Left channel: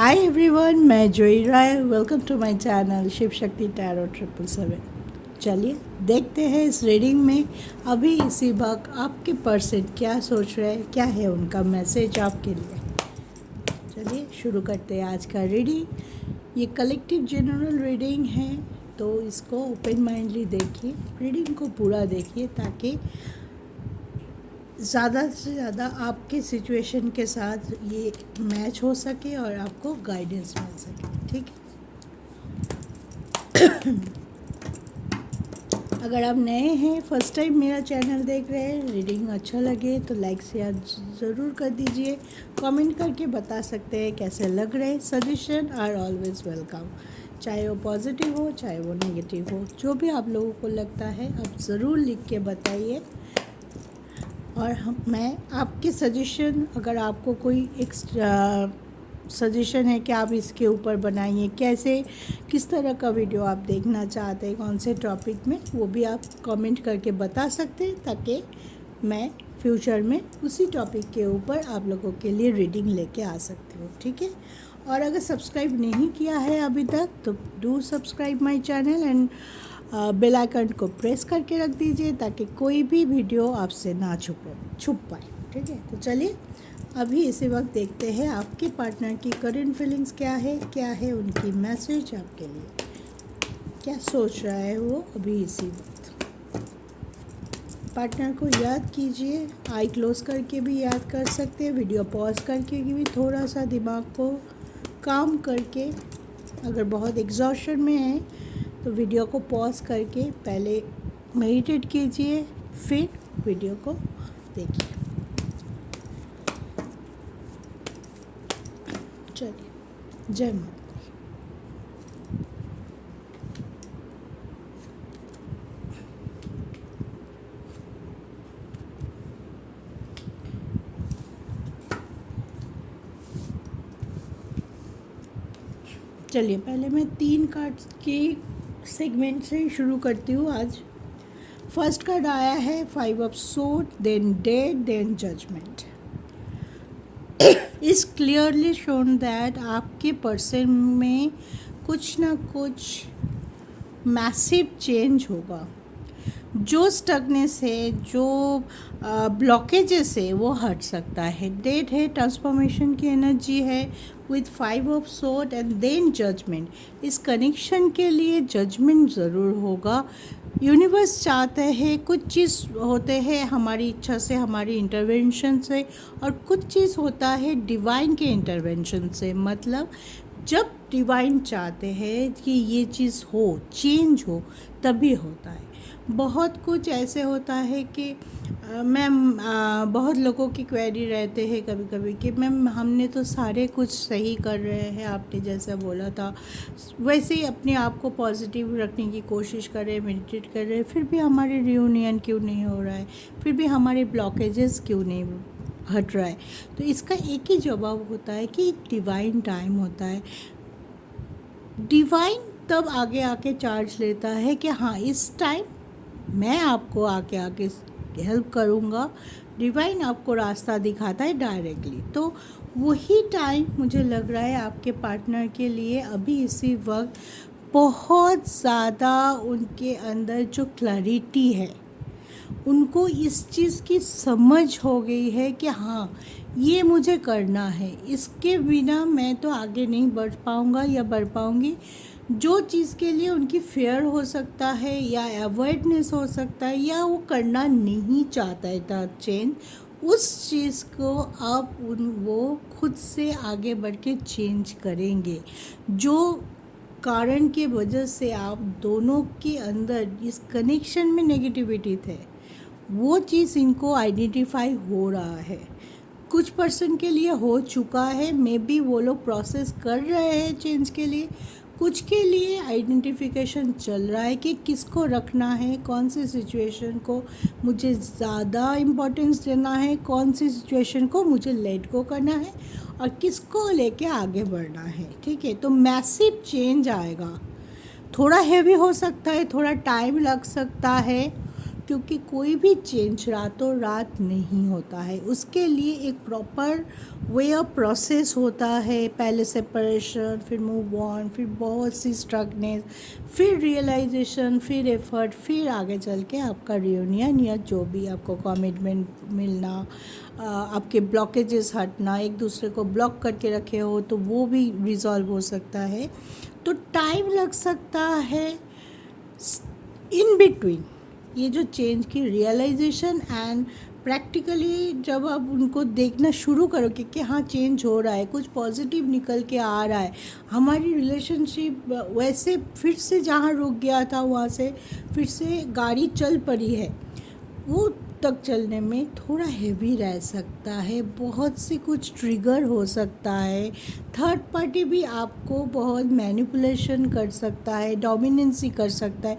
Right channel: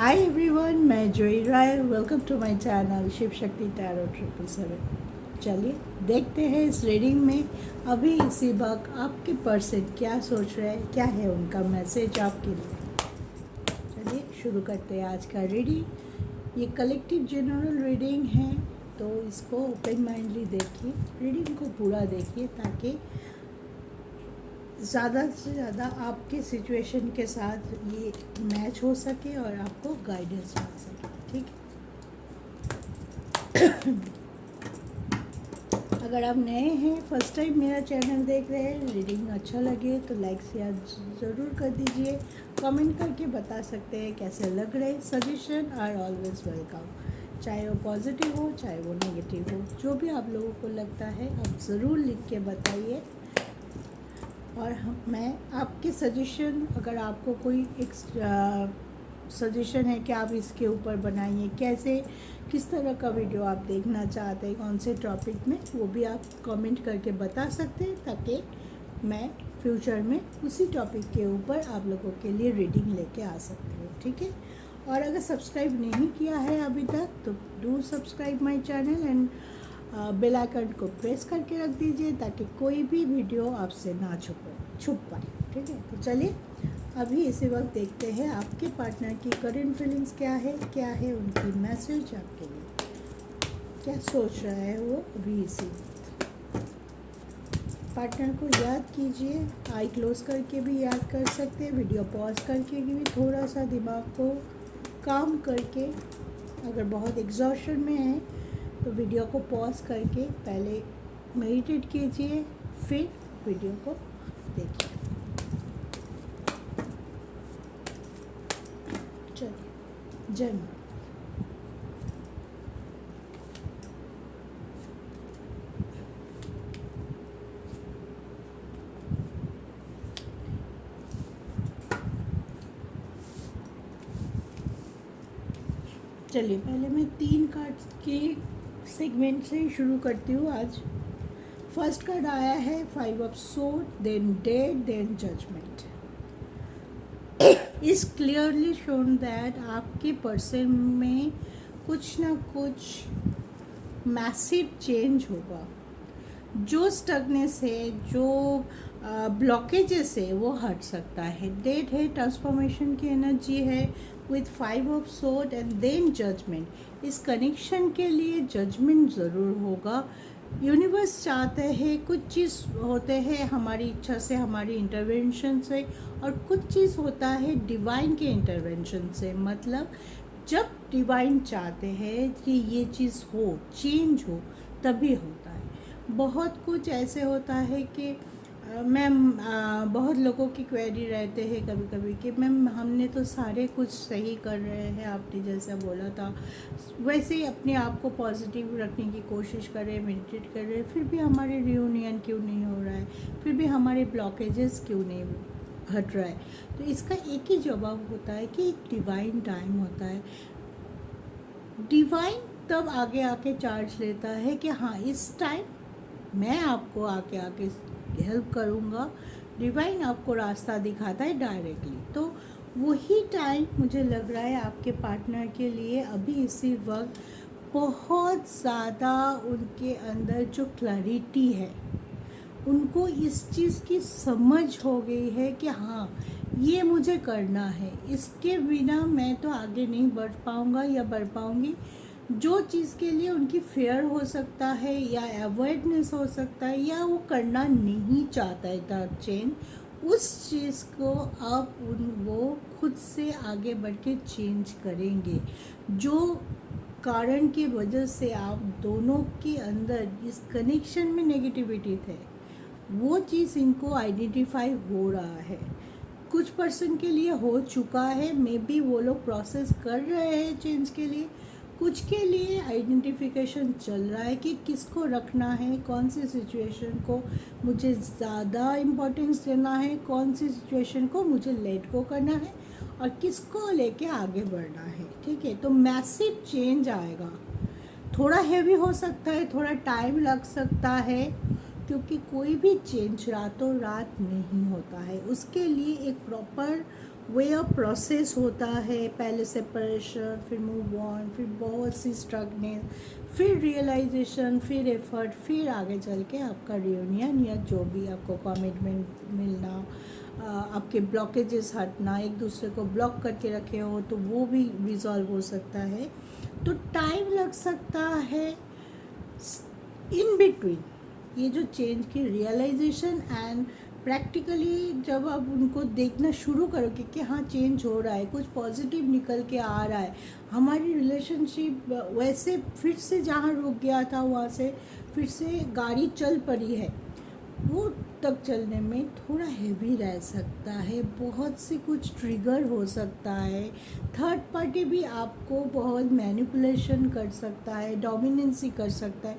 हाय everyone, मैं Joi Rai. Welcome to my channel Shiv Shakti tarot 777। चलिए देखते हैं इस रीडिंग में अभी इसी वक्त आपके पर्सन क्या सोच रहे हैं, क्या है उनका मैसेज आपके लिए। चलिए शुरू करते हैं आज का रीडिंग। ये कलेक्टिव जनरल रीडिंग है, तो इसको ओपन माइंडली देखिए, रीडिंग को पूरा देखिए ताकि ज़्यादा से ज़्यादा आपके सिचुएशन के साथ ये मैच हो सके और आपको गाइडेंस मिल सके। ठीक है। अगर आप नए हैं, फर्स्ट टाइम मेरा चैनल देख रहे हैं, रीडिंग अच्छा लगे तो लाइक शेयर ज़रूर कर दीजिए। कमेंट करके बता सकते हैं कैसे लग रहे। सजेशन आर ऑलवेज वेलकम, चाहे वो पॉजिटिव हो चाहे वो नेगेटिव हो, जो भी आप लोगों को लगता है आप ज़रूर लिख के बताइए। और मैं आपके सजेशन, अगर आपको कोई एक्स्ट्रा सजेशन है कि आप इसके ऊपर बनाइए, कैसे किस तरह का वीडियो आप देखना चाहते हैं, कौन से टॉपिक में, वो भी आप कमेंट करके बता सकते हैं ताकि मैं फ्यूचर में उसी टॉपिक के ऊपर आप लोगों के लिए रीडिंग लेके आ सकती हूँ। ठीक है। और अगर सब्सक्राइब नहीं किया है अभी तक तो do subscribe my channel and bell icon को प्रेस करके रख दीजिए ताकि कोई भी वीडियो आपसे ना छुप पाए। ठीक है। तो चलिए अभी इसी वक्त देखते हैं आपके पार्टनर की करंट फीलिंग्स क्या है उनकी मैसेज आपके लिए, क्या सोच रहा है वो अभी इसी वक्त। पार्टनर को याद कीजिए, आई क्लोज करके भी याद कर सकते हैं, वीडियो पॉज करके भी, थोड़ा सा दिमाग को काम करके। अगर बहुत एग्जॉशन में है तो वीडियो को पॉज करके पहले मेडिटेट कीजिए, फिर वीडियो को देखिए। चलिए, जय माता। चलिए पहले मैं 3 कार्ड्स के सेगमेंट से शुरू करती हूँ आज। फर्स्ट कार्ड आया है 5 of sword, then dead, then judgment. Is clearly shown that आपके पर्सन में कुछ ना कुछ मैसिव चेंज होगा। जो स्टगनेस है, जो ब्लॉकेजेस है, वो हट सकता है। डेट है, ट्रांसफॉर्मेशन की एनर्जी है with 5 of sword and then judgment. इस कनेक्शन के लिए जजमेंट ज़रूर होगा। यूनिवर्स चाहते हैं, कुछ चीज़ होते हैं हमारी इच्छा से, हमारी इंटरवेंशन से, और कुछ चीज़ होता है डिवाइन के इंटरवेंशन से। मतलब जब डिवाइन चाहते हैं कि ये चीज़ हो, चेंज हो, तभी होता है। बहुत कुछ ऐसे होता है कि मैम बहुत लोगों की क्वेरी रहते हैं कभी कभी कि मैम हमने तो सारे कुछ सही कर रहे हैं, आपने जैसा बोला था वैसे ही अपने आप को पॉजिटिव रखने की कोशिश कर रहे हैं, मेडिटेट कर रहे हैं, फिर भी हमारे रियूनियन क्यों नहीं हो रहा है, फिर भी हमारे ब्लॉकेजेस क्यों नहीं हट रहा है। तो इसका एक ही जवाब होता है कि एक डिवाइन टाइम होता है। डिवाइन तब आगे आके चार्ज लेता है कि हाँ इस टाइम मैं आपको आके हेल्प करूँगा। डिवाइन आपको रास्ता दिखाता है डायरेक्टली। तो वही टाइम मुझे लग रहा है आपके पार्टनर के लिए अभी इसी वक्त बहुत ज़्यादा उनके अंदर जो क्लैरिटी है, उनको इस चीज़ की समझ हो गई है कि हाँ ये मुझे करना है, इसके बिना मैं तो आगे नहीं बढ़ पाऊँगा या बढ़ पाऊँगी। जो चीज़ के लिए उनकी फेयर हो सकता है या अवॉइडनेस हो सकता है या वो करना नहीं चाहता है था चेंज, उस चीज़ को अब वो खुद से आगे बढ़ के चेंज करेंगे। जो कारण के वजह से आप दोनों के अंदर इस कनेक्शन में नेगेटिविटी थे, वो चीज़ इनको आइडेंटिफाई हो रहा है। कुछ पर्सन के लिए हो चुका है, मे बी वो लोग प्रोसेस कर रहे हैं चेंज के लिए। कुछ के लिए आइडेंटिफिकेशन चल रहा है कि किसको रखना है, कौन सी सिचुएशन को मुझे ज़्यादा इम्पोर्टेंस देना है, कौन सी सिचुएशन को मुझे लेट गो करना है और किसको लेके आगे बढ़ना है। ठीक है। तो मैसिव चेंज आएगा। थोड़ा हैवी हो सकता है, थोड़ा टाइम लग सकता है क्योंकि कोई भी चेंज रातों रात नहीं होता है, उसके लिए एक प्रॉपर वे ऑफ प्रोसेस होता है। पहले सेपरेशन, फिर मूव ऑन, फिर बहुत सी स्ट्रगनेस, फिर रियलाइजेशन, फिर एफर्ट, फिर आगे चल के आपका रियूनियन या जो भी आपको कमिटमेंट मिलना, आपके ब्लॉकेजेस हटना, एक दूसरे को ब्लॉक करके रखे हो तो वो भी रिजॉल्व हो सकता है। तो टाइम लग सकता है इन बिटवीन ये जो चेंज की रियलाइजेशन एंड प्रैक्टिकली जब आप उनको देखना शुरू करोगे कि हाँ चेंज हो रहा है, कुछ पॉजिटिव निकल के आ रहा है, हमारी रिलेशनशिप वैसे फिर से जहाँ रुक गया था वहाँ से फिर से गाड़ी चल पड़ी है, वो तक चलने में थोड़ा हैवी रह सकता है, बहुत सी कुछ ट्रिगर हो सकता है, थर्ड पार्टी भी आपको बहुत मैनिपुलेशन कर सकता है, डोमिनेंसी कर सकता है,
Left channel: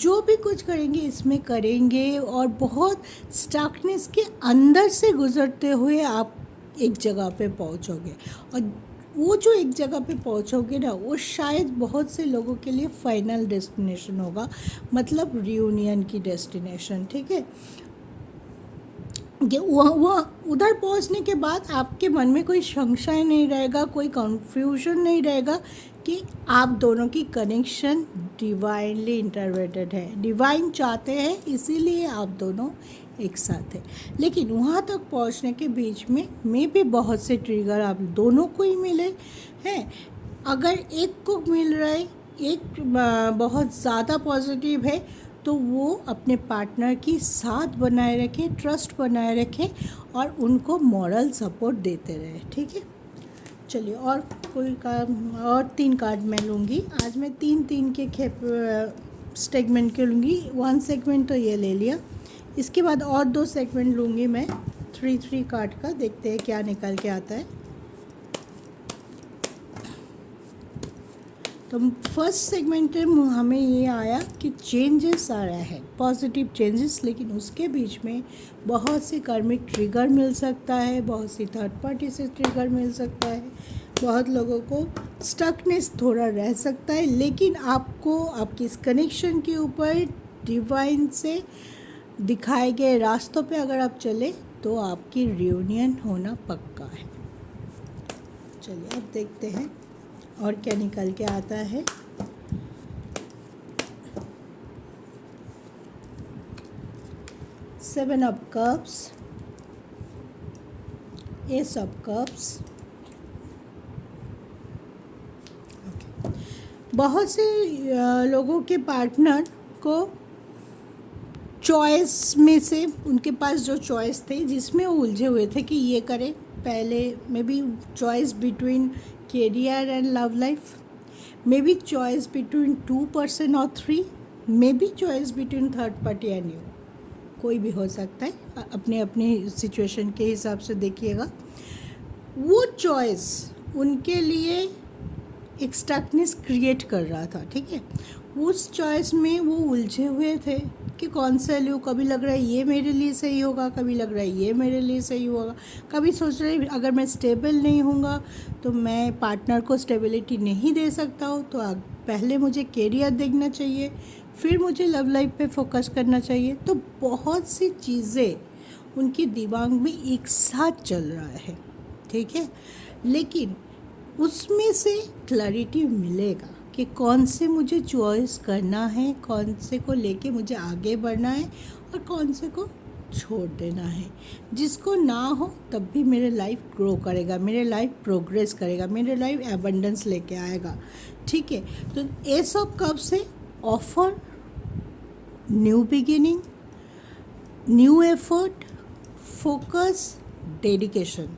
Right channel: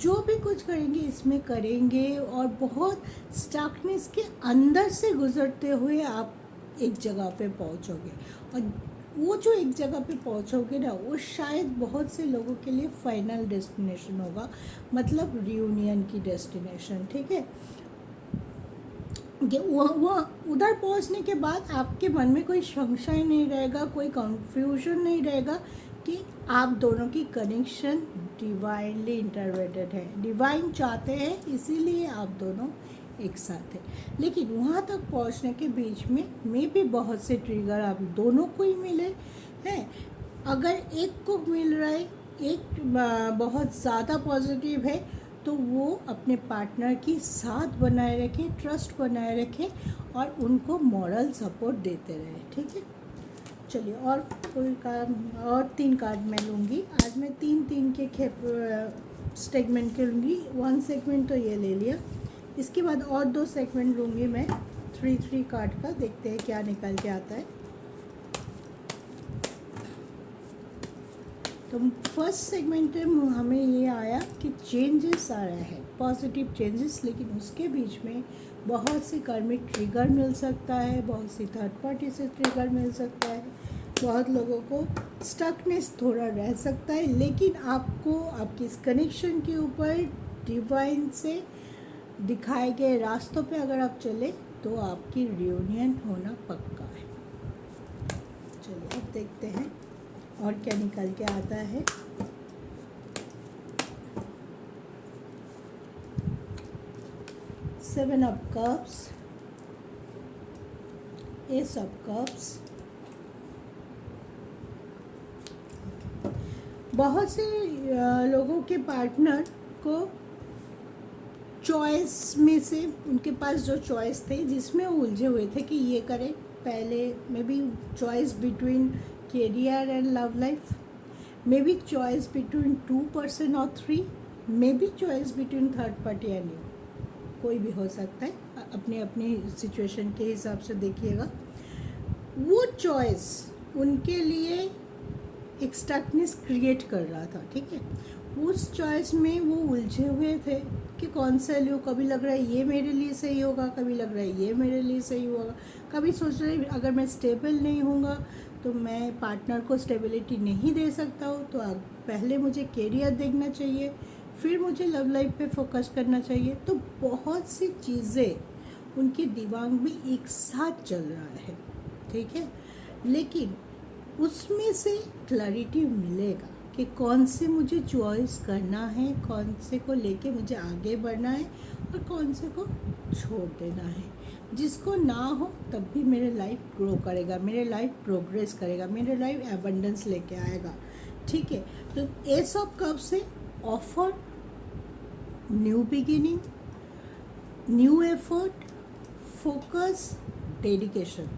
जो भी कुछ करेंगे इसमें करेंगे और बहुत स्टकनेस के अंदर से गुजरते हुए आप एक जगह पे पहुंचोगे। और वो जो एक जगह पे पहुंचोगे ना, वो शायद बहुत से लोगों के लिए फाइनल डेस्टिनेशन होगा, मतलब रियूनियन की डेस्टिनेशन, ठीक है। कि वहाँ उधर पहुँचने के बाद आपके मन में कोई संशय नहीं रहेगा, कोई कंफ्यूजन नहीं रहेगा कि आप दोनों की कनेक्शन डिवाइनली इंटरवेटेड है, डिवाइन चाहते हैं इसीलिए आप दोनों एक साथ है। लेकिन वहाँ तक पहुँचने के बीच में भी बहुत से ट्रिगर आप दोनों को ही मिले हैं। अगर एक को मिल रहा है, एक बहुत ज़्यादा पॉजिटिव है, तो वो अपने पार्टनर की साथ बनाए रखें, ट्रस्ट बनाए रखें और उनको मॉरल सपोर्ट देते रहे, ठीक है। चलिए और कोई कार्ड, और 3 कार्ड मैं लूँगी आज। मैं 3 के सेगमेंट के लूँगी। 1 सेगमेंट तो ये ले लिया, इसके बाद और 2 सेगमेंट लूँगी मैं 3 कार्ड का। देखते हैं क्या निकल के आता है। तो फर्स्ट सेगमेंट में हमें ये आया कि चेंजेस आ रहे हैं, पॉजिटिव चेंजेस, लेकिन उसके बीच में बहुत सी कार्मिक ट्रिगर मिल सकता है, बहुत सी थर्ड पार्टी से ट्रिगर मिल सकता है, बहुत लोगों को स्टकनेस थोड़ा रह सकता है। लेकिन आपको आपकी इस कनेक्शन के ऊपर डिवाइन से दिखाए गए रास्तों पे अगर आप चले तो आपकी रियूनियन होना पक्का है। चलिए अब देखते हैं और क्या निकल के आता है। Seven of cups, S of cups. बहुत से लोगों के पार्टनर को चॉइस में से उनके पास जो चॉइस थे जिसमें वो उलझे हुए थे कि ये करें, पहले may be choice between career and love life, maybe choice between 2 person or 3, maybe choice between third party and you, कोई भी हो सकता है, अपने अपने सिचुएशन के हिसाब से देखिएगा। वो चॉइस उनके लिए एक स्टकनेस क्रिएट कर रहा था, ठीक है। उस चॉइस में वो उलझे हुए थे कि कौन सा लूँ, कभी लग रहा है ये मेरे लिए सही होगा, कभी लग रहा है ये मेरे लिए सही होगा, कभी सोच रहे अगर मैं स्टेबल नहीं हूँगा तो मैं पार्टनर को स्टेबिलिटी नहीं दे सकता हूँ, तो पहले मुझे कैरियर देखना चाहिए, फिर मुझे लव लाइफ पे फोकस करना चाहिए। तो बहुत सी चीज़ें उनके दिमाग में एक साथ चल रहा है, ठीक है। लेकिन उसमें से क्लैरिटी मिलेगा कि कौन से मुझे चॉइस करना है, कौन से को लेके मुझे आगे बढ़ना है और कौन से को छोड़ देना है। जिसको ना हो तब भी मेरे लाइफ ग्रो करेगा, मेरे लाइफ प्रोग्रेस करेगा, मेरे लाइफ एबंडेंस लेके आएगा, ठीक है। तो एस ऑफ कप्स से offer, new beginning, new effort, focus, dedication,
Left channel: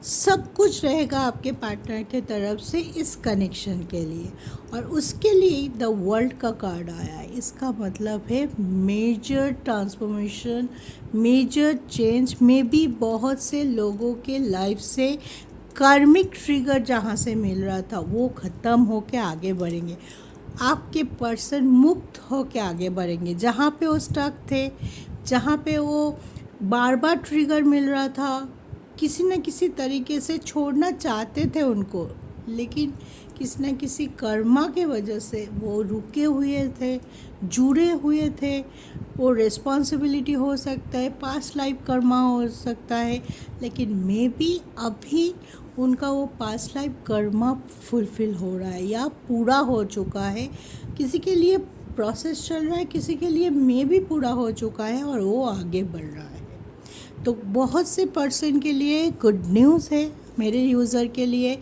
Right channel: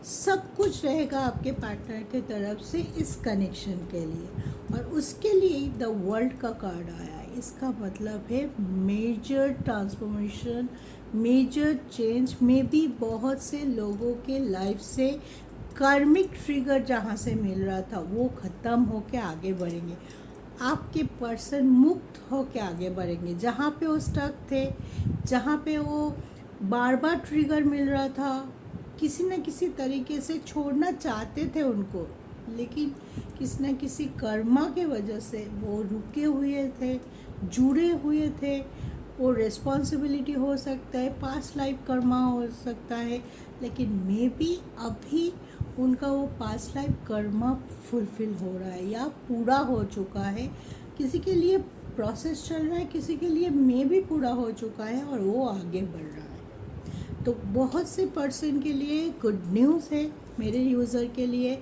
सब कुछ रहेगा आपके पार्टनर के तरफ से इस कनेक्शन के लिए। और उसके लिए द वर्ल्ड का कार्ड आया है, इसका मतलब है मेजर ट्रांसफॉर्मेशन, मेजर चेंज में भी बहुत से लोगों के लाइफ से कार्मिक ट्रिगर जहाँ से मिल रहा था वो ख़त्म होके आगे बढ़ेंगे। आपके पर्सन मुक्त होके आगे बढ़ेंगे। जहाँ पे वो स्टक थे, जहाँ पे वो बार बार ट्रिगर मिल रहा था, किसी न किसी तरीके से छोड़ना चाहते थे उनको, लेकिन किसी न किसी कर्मा के वजह से वो रुके हुए थे, जुड़े हुए थे, वो रिस्पॉन्सिबिलिटी हो सकता है, पास्ट लाइफ कर्मा हो सकता है, लेकिन मे बी अभी उनका वो पास्ट लाइफ कर्मा फुलफिल हो रहा है या पूरा हो चुका है। किसी के लिए प्रोसेस चल रहा है, किसी के लिए मे बी पूरा हो चुका है और वो आगे बढ़ रहा है। तो बहुत से पर्सन के लिए गुड न्यूज़ है, मेरे यूज़र के लिए,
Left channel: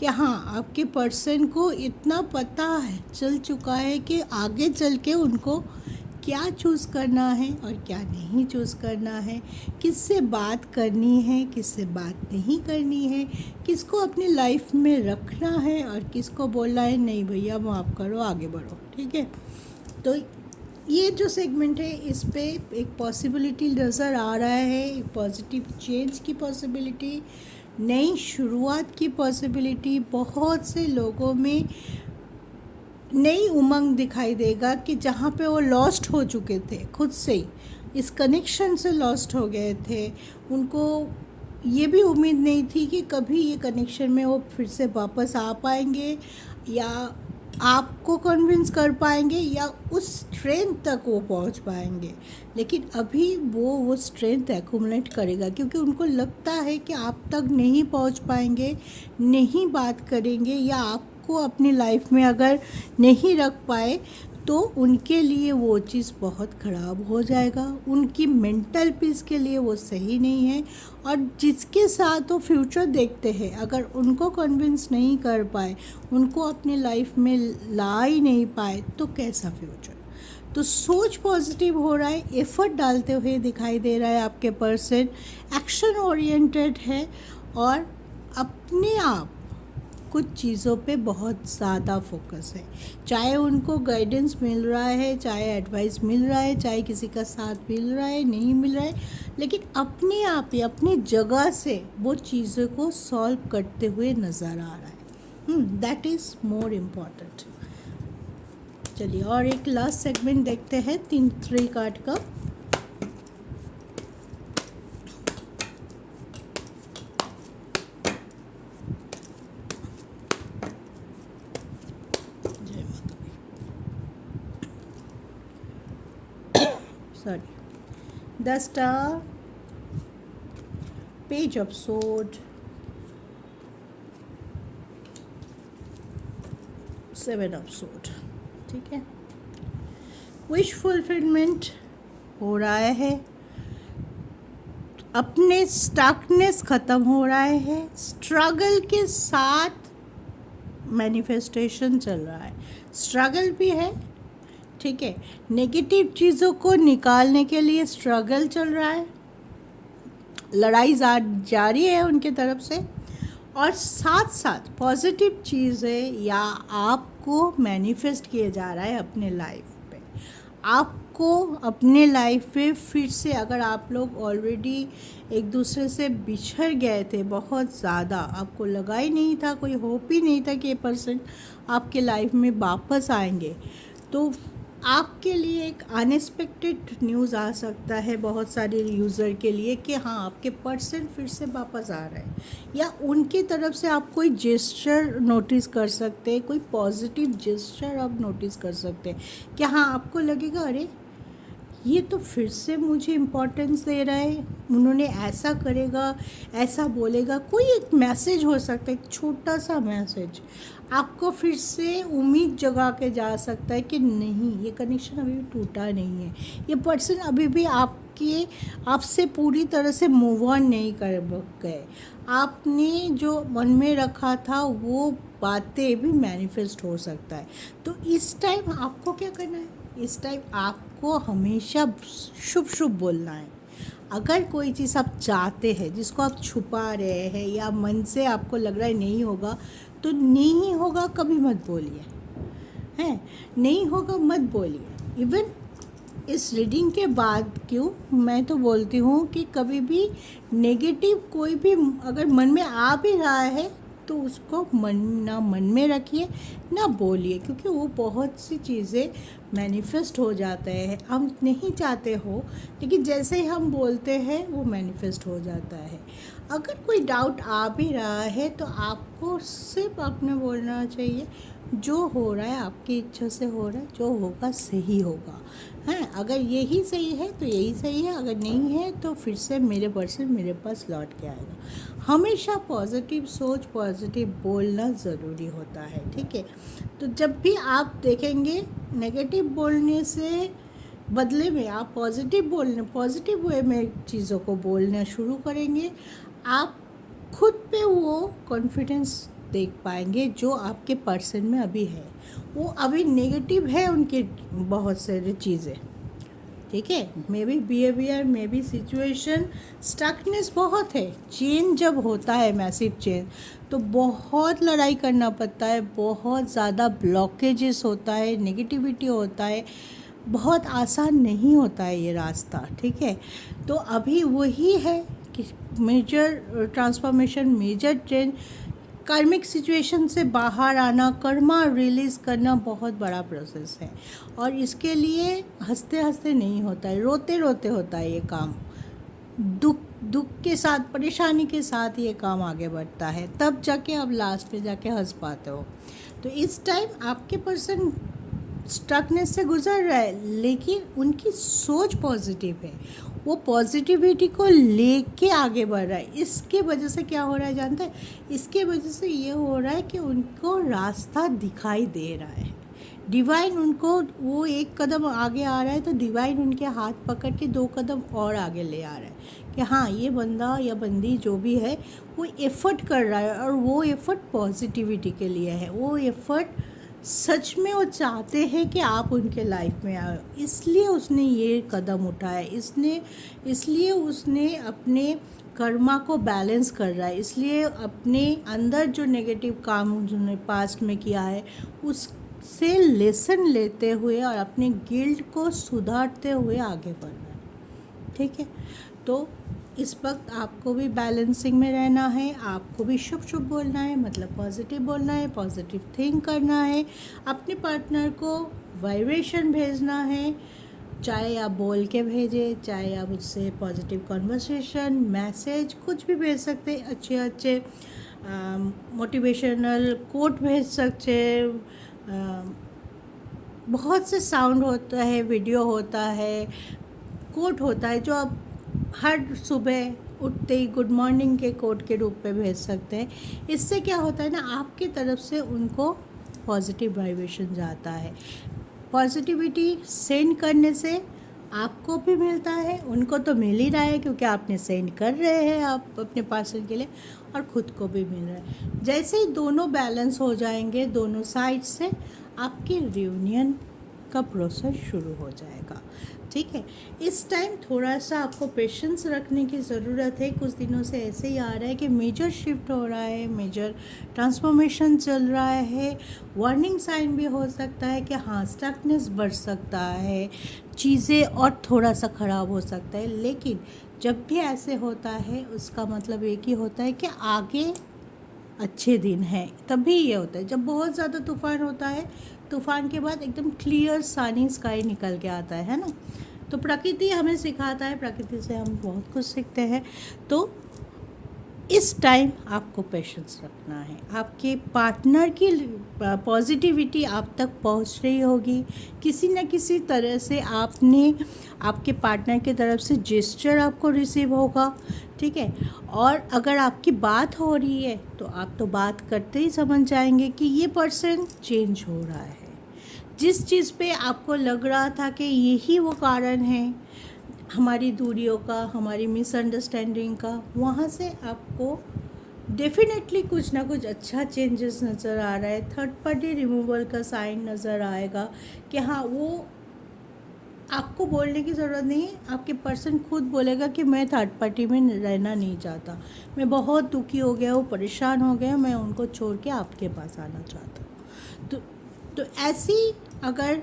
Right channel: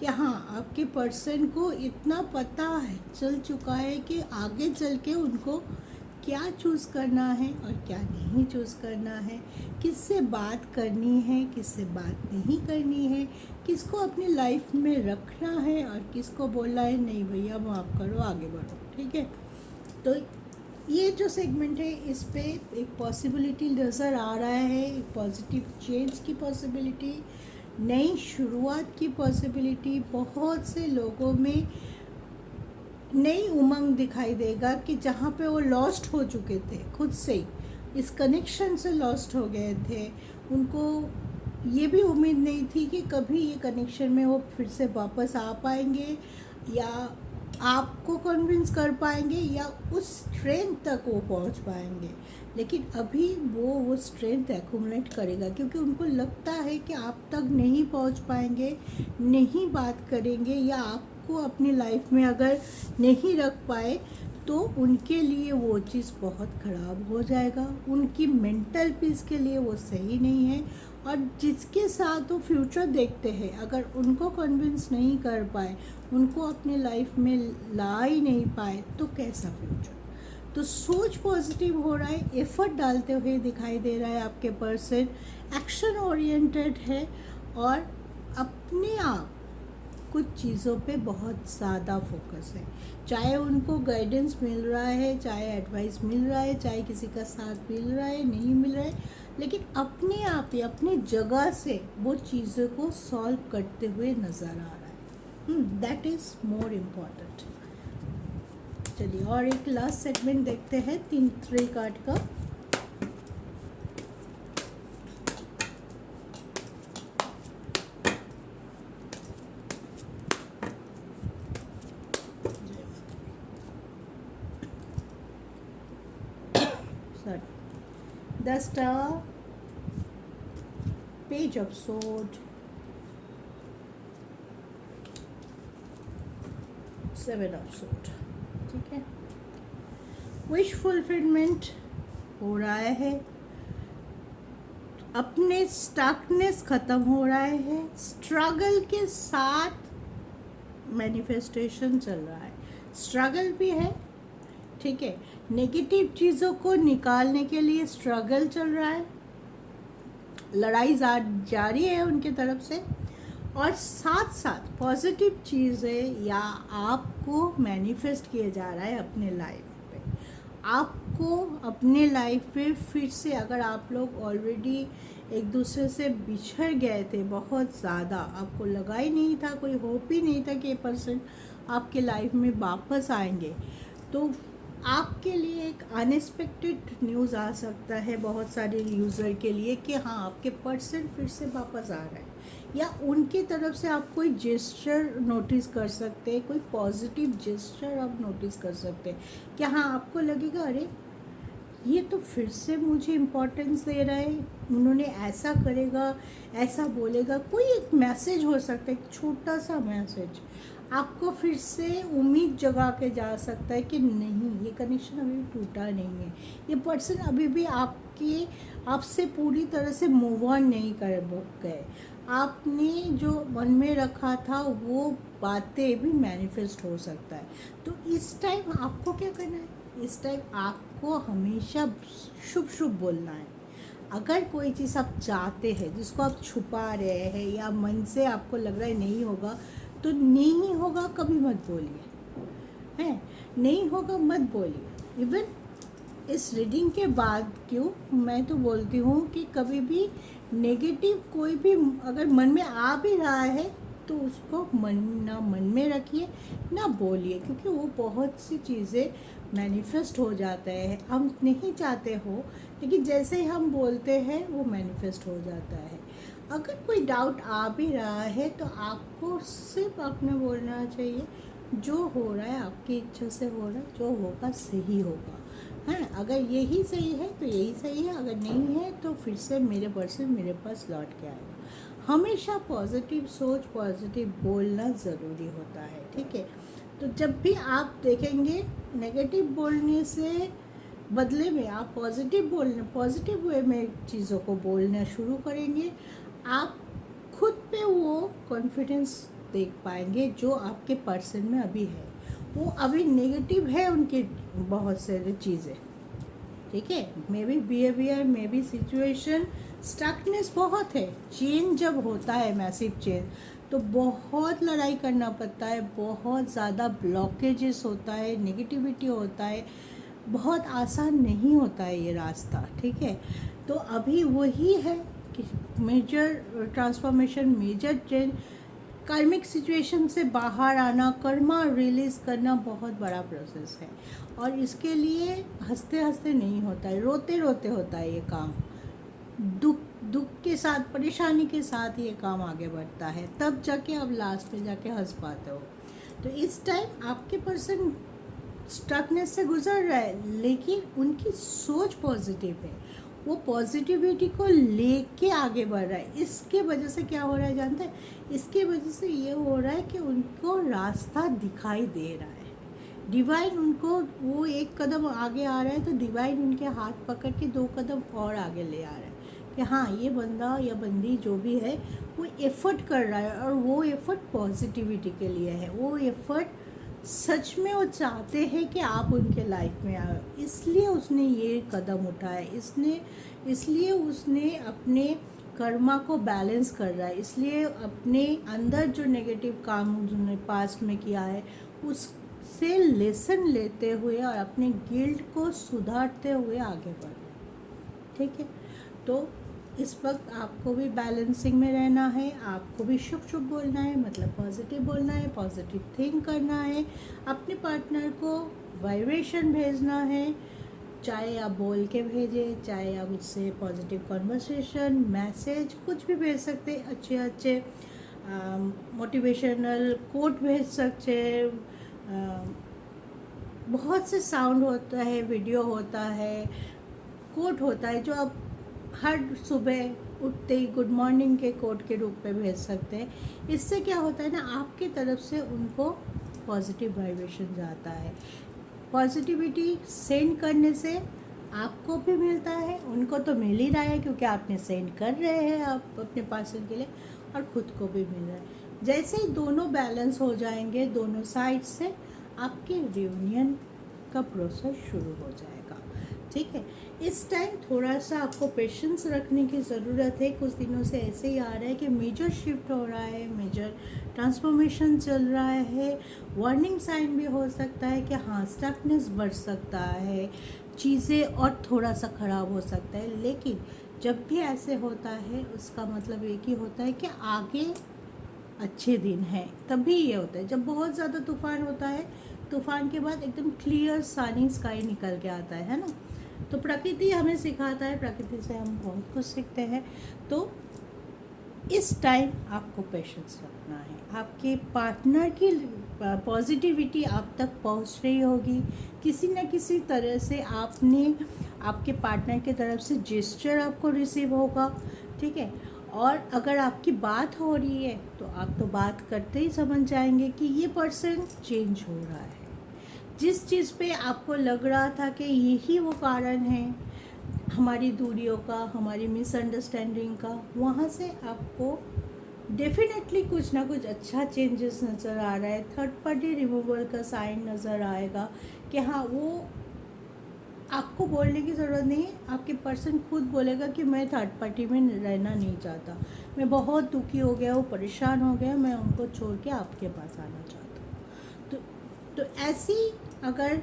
कि हाँ आपके पर्सन को इतना पता है, चल चुका है कि आगे चल के उनको क्या चूज़ करना है और क्या नहीं चूज़ करना है, किससे बात करनी है, किससे बात नहीं करनी है, किसको अपनी लाइफ में रखना है और किसको बोलना है नहीं भैया माफ़ करो आगे बढ़ो। ठीक है, तो ये जो सेगमेंट है इस पे एक पॉसिबिलिटी नज़र आ रहा है, एक पॉजिटिव चेंज की पॉसिबिलिटी, नई शुरुआत की पॉसिबिलिटी। बहुत से लोगों में नई उमंग दिखाई देगा कि जहाँ पे वो लॉस्ट हो चुके थे, खुद से ही इस कनेक्शन से लॉस्ट हो गए थे, उनको ये भी उम्मीद नहीं थी कि कभी ये कनेक्शन में वो फिर से वापस आ पाएंगे या आपको कन्विंस कर पाएंगे या उस स्ट्रेंथ तक वो पहुंच पाएंगे। लेकिन अभी वो स्ट्रेंथ एक्यूमुलेट करेगा, क्योंकि उनको लगता है कि आप तक नहीं पहुंच पाएंगे, नहीं बात करेंगे या आपको अपनी लाइफ में अगर नहीं रख पाए तो उनके लिए वो चीज़ बहुत ख़राब हो जाएगा, उनकी मेंटल पीस के लिए वो सही नहीं है। और जिसके साथ वो फ्यूचर देखते हैं, अगर उनको कन्विंस नहीं कर पाए, उनको अपनी लाइफ में ला ही नहीं पाए, तो कैसा फ्यूचर। तो सोच पॉजिटिव हो रहा है, एफर्ट डालते हुए दिखाई दे रहा है आपके पर्सन, एक्शन ओरिएंटेड है और अपने आप कुछ चीज़ों पे बहुत ज़्यादा फोकस है। चाहे उनको गाइडेंस मिल रहा है, चाहे एडवाइस मिल रहा है, चाहे किसी का साथ मिल रहा है, नहीं मिल रहा है, लेकिन अपने आप ही अपनी जगह से वो चीज़ों को सॉल्व करते हुए नज़र आ रहा है। That is more important. चलिए और एक लास्ट सेगमेंट देखते हैं 3 कार्ड का। The Star, Page of Sword, 7 of Sword। ठीक है, विश फुलफिलमेंट हो रहा है, अपने स्टकनेस ख़त्म हो रहा है, स्ट्रगल के साथ मैनिफेस्टेशन चल रहा है, स्ट्रगल भी है। ठीक है, नेगेटिव चीज़ों को निकालने के लिए स्ट्रगल चल रहा है, लड़ाई जारी है उनकी तरफ से, और साथ साथ पॉजिटिव चीज़ें या आपको मैनिफेस्ट किए जा रहा है अपने लाइफ पे। आपको अपने लाइफ में फिर से, अगर आप लोग ऑलरेडी एक दूसरे से बिछड़ गए थे बहुत ज़्यादा, आपको लगा ही नहीं था, कोई होप ही नहीं था कि ये पर्सन आपके लाइफ में वापस आएंगे, तो आपके लिए एक अनएक्सपेक्टेड न्यूज़ आ सकता है बहुत सारे यूज़र के लिए कि हाँ आपके पर्सन फिर से वापस आ रहे हैं, या उनकी तरफ से आप कोई जेस्चर नोटिस कर सकते हैं, कोई पॉजिटिव जेस्चर आप नोटिस कर सकते हैं कि हाँ आपको लगेगा अरे ये तो फिर से मुझे इम्पोर्टेंस दे रहा है, उन्होंने ऐसा करेगा, ऐसा बोलेगा, कोई एक मैसेज हो सकता है, एक छोटा सा मैसेज आपको फिर से उम्मीद जगा के जा सकता है कि नहीं ये कनेक्शन अभी भी टूटा नहीं है, ये पर्सन अभी भी आपसे पूरी तरह से मूव ऑन नहीं कर गए, आपने जो मन में रखा था वो बातें भी मैनिफेस्ट हो सकता है। तो इस टाइम आपको क्या करना है, इस टाइम आपको हमेशा शुभ शुभ बोलना है। अगर कोई चीज़ आप चाहते हैं जिसको आप छुपा रहे हैं या मन से आपको लग रहा है नहीं होगा, तो नहीं होगा कभी मत बोलिए, हैं, नहीं होगा मत बोलिए। इवन इस रीडिंग के बाद क्यों मैं तो बोलती हूँ कि कभी भी नेगेटिव कोई भी अगर मन में आ भी रहा है तो उसको मन में रखिए, ना बोलिए, क्योंकि वो बहुत सी चीज़ें मैनिफेस्ट हो जाता है, हम नहीं चाहते हो, लेकिन जैसे ही हम बोलते हैं वो मैनिफेस्ट हो जाता है। अगर कोई डाउट आ भी रहा है तो आपको सिर्फ आपने बोलना चाहिए जो हो रहा है आपकी इच्छा से हो रहा है, जो होगा सही होगा। हैं, अगर यही सही है तो यही सही है, अगर नहीं है तो फिर से मेरे पर्सन मेरे पास लौट के आएगा। हमेशा पॉजिटिव सोच, पॉजिटिव बोलना ज़रूरी होता है, ठीक है। तो जब भी आप देखेंगे नेगेटिव बोलने से बदले में आप पॉजिटिव बोलना, पॉजिटिव वे में चीज़ों को बोलना शुरू करेंगे, आप खुद पे वो कॉन्फिडेंस देख पाएंगे जो आपके पर्सन में अभी है। वो अभी नेगेटिव है उनके बहुत सारी चीज़ें, ठीक है, may bee behaviour, may be situation, stuckness बहुत है। चेंज जब होता है, मैसिव चेंज, तो बहुत लड़ाई करना पड़ता है, बहुत ज़्यादा ब्लॉकेजेस होता है, नेगेटिविटी होता है, बहुत आसान नहीं होता है ये रास्ता, ठीक है। तो अभी वही है कि मेजर ट्रांसफॉर्मेशन, मेजर चेंज, कार्मिक सिचुएशन से बाहर आना, कर्मा रिलीज़ करना बहुत बड़ा प्रोसेस है। और इसके लिए हंसते हंसते नहीं होता है, रोते रोते होता है ये काम। दुख दुख के साथ, परेशानी के साथ ये काम आगे बढ़ता है, तब जाके आप लास्ट में जाके हंस पाते हो। तो इस टाइम आपके पर्सन स्टकनेस से गुजर रहा है, लेकिन उनकी सोच पॉजिटिव है, वो पॉजिटिविटी को लेके आगे बढ़ रहा है। इसके वजह से क्या हो रहा है जानते हैं? इसके वजह से ये हो रहा है कि उनको रास्ता दिखाई दे रहा है। डिवाइन उनको, वो एक कदम आगे आ रहा है तो डिवाइन उनके हाथ पकड़ के 2 कदम और आगे ले आ रहा है कि हाँ, ये बंदा या बंदी जो भी है वो एफ़र्ट कर रहा है, और वो एफ़र्ट पॉजिटिविटी के लिए है। वो एफ़र्ट सच में वो चाहते हैं कि आप उनके लाइफ में आओ, इसलिए उसने ये कदम उठाया, इसलिए उसने अपने कर्मा को बैलेंस कर रहा है, इसलिए अपने अंदर जो नेगेटिव काम उन्होंने पास्ट में किया है उससे लेसन लेते हुए और अपने गिल्ट को सुधारते हुए आगे बढ़ रहे हैं, ठीक है। तो इस वक्त आपको भी बैलेंसिंग में रहना है, आपको भी शुभ शुभ बोलना है, मतलब पॉजिटिव बोलना है, पॉजिटिव थिंक करना है, अपने पार्टनर को वाइब्रेशन भेजना है, चाहे आप बोल के भेजें, चाहे आप उससे पॉजिटिव कन्वर्सेशन, मैसेज कुछ भी भेज सकते हैं, अच्छे अच्छे मोटिवेशनल कोट भेज सकते हैं। बहुत से साउंड होता है, वीडियो होता है, कोट होता है, जो आप हर सुबह उठते ही गुड मॉर्निंग के कोट के रूप में भेज सकते हैं। इससे क्या होता है ना, आपकी तरफ से उनको पॉजिटिव वाइब्रेशन जाता है। पॉजिटिविटी सेंड करने से आपको भी मिलता है, उनको तो मिल ही रहा है क्योंकि आपने सेंड कर रहे हैं आप अपने पार्सल के लिए, और ख़ुद को भी मिल रहा है। जैसे ही दोनों बैलेंस हो जाएंगे दोनों साइड से, आपकी रियूनियन का प्रोसेस शुरू हो जाएगा, ठीक है। इस टाइम थोड़ा सा आपको पेशेंस रखने की ज़रूरत है। कुछ दिनों से ऐसे ही आ रहा है कि मेजर शिफ्ट हो रहा है, मेजर ट्रांसफॉर्मेशन चल रहा है। वार्निंग साइन भी हो सकता है कि हाँ, स्टकनेस बढ़ सकता है, चीज़ें और थोड़ा सा ख़राब हो सकता है। लेकिन जब भी ऐसे होता है उसका मतलब एक ही होता है कि आगे अच्छे दिन हैं। तभी ये होता है जब बहुत ज़्यादा तूफ़ान होता है, तूफ़ान के बाद एकदम क्लियर सनी स्काई निकल के आता है ना। तो प्रकृति हमें सिखाता है, प्रकृति से हम बहुत कुछ सीखते हैं। तो इस टाइम आपको पेशेंस रखना है। आपके पार्टनर की पॉजिटिविटी आप तक पहुंच रही होगी, किसी न किसी तरह से आपके पार्टनर की तरफ से जेस्चर आपको रिसीव होगा, ठीक है। और अगर आपकी बात हो रही है तो आप तो बात करते ही समझ जाएंगे कि ये पर्सन चेंज हो रहा है। जिस चीज़ पे आपको लग रहा था कि यही वो कारण है हमारी दूरियों का, हमारी मिसअंडरस्टैंडिंग का, वहाँ से आपको डेफिनेटली कुछ ना कुछ अच्छा चेंजेस नज़र आ रहा है। थर्ड पार्टी रिमूवल का साइन नज़र आएगा कि हाँ, वो आपको बोलने की ज़रूरत नहीं है, आपके पर्सन खुद बोलेगा कि मैं थर्ड पार्टी में रहना नहीं चाहता, मैं बहुत दुखी हो गया हूँ, परेशान हो गया, मैं उनको छोड़ के आपके पास आना चाहता हूँ। तो ऐसी अगर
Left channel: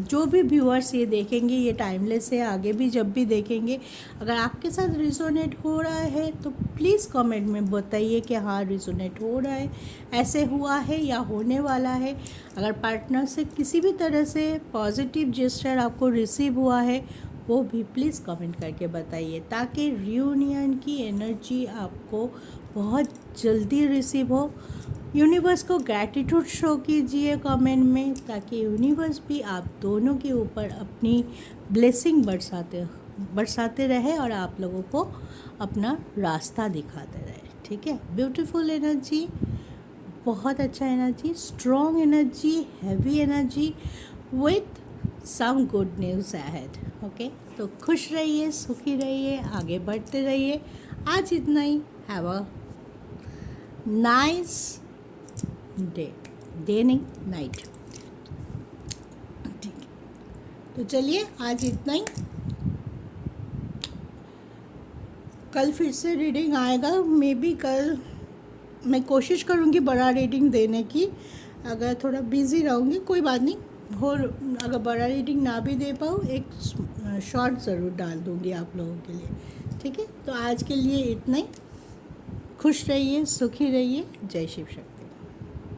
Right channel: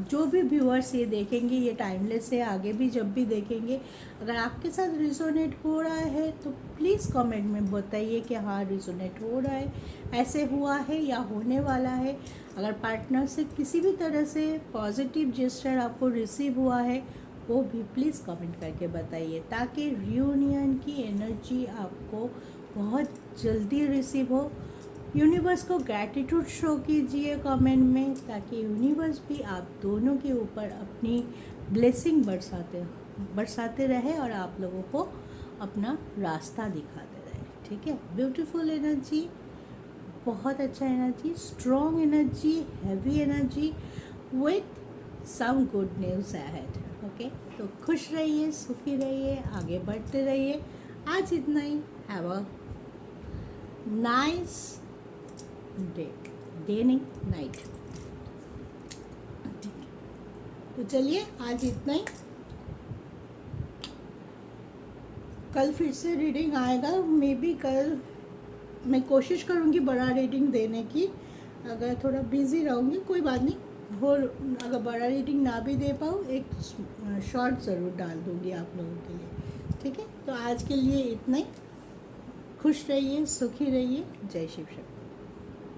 जो भी व्यूअर्स ये देखेंगे, ये टाइमलेस है, आगे भी जब भी देखेंगे, अगर आपके साथ रिजोनेट हो रहा है तो प्लीज़ कमेंट में बताइए कि हाँ, रिजोनेट हो रहा है, ऐसे हुआ है या होने वाला है। अगर पार्टनर से किसी भी तरह से पॉजिटिव जेस्चर आपको रिसीव हुआ है वो भी प्लीज़ कमेंट करके बताइए, ताकि रियूनियन की एनर्जी आपको बहुत जल्दी रिसीव हो। यूनिवर्स को ग्रैटिट्यूड शो कीजिए कमेंट में, ताकि यूनिवर्स भी आप दोनों के ऊपर अपनी ब्लेसिंग बरसाते रहे और आप लोगों को अपना रास्ता दिखाते रहे। ठीक है, ब्यूटीफुल एनर्जी, बहुत अच्छा energy, strong energy, heavy energy with some good news ahead. Okay, तो खुश रहिए, सुखी रहिए, आगे बढ़ते रहिए। आज इतना ही। हैव अ नाइस डे नहीं, नाइट। ठीक, तो चलिए आज इतना ही। कल फिर से रीडिंग आएगा, मे बी कल मैं कोशिश करूँगी बड़ा रीडिंग देने की। अगर थोड़ा बिज़ी रहूँगी कोई बात नहीं, और अगर बड़ा रीडिंग ना भी दे पाऊँ एक शॉर्ट ज़रूर डाल दूँगी आप लोगों के लिए। ठीक है, तो आज के लिए इतना ही। खुश रहिए, सुखी रहिए। जय शिव शक्ति।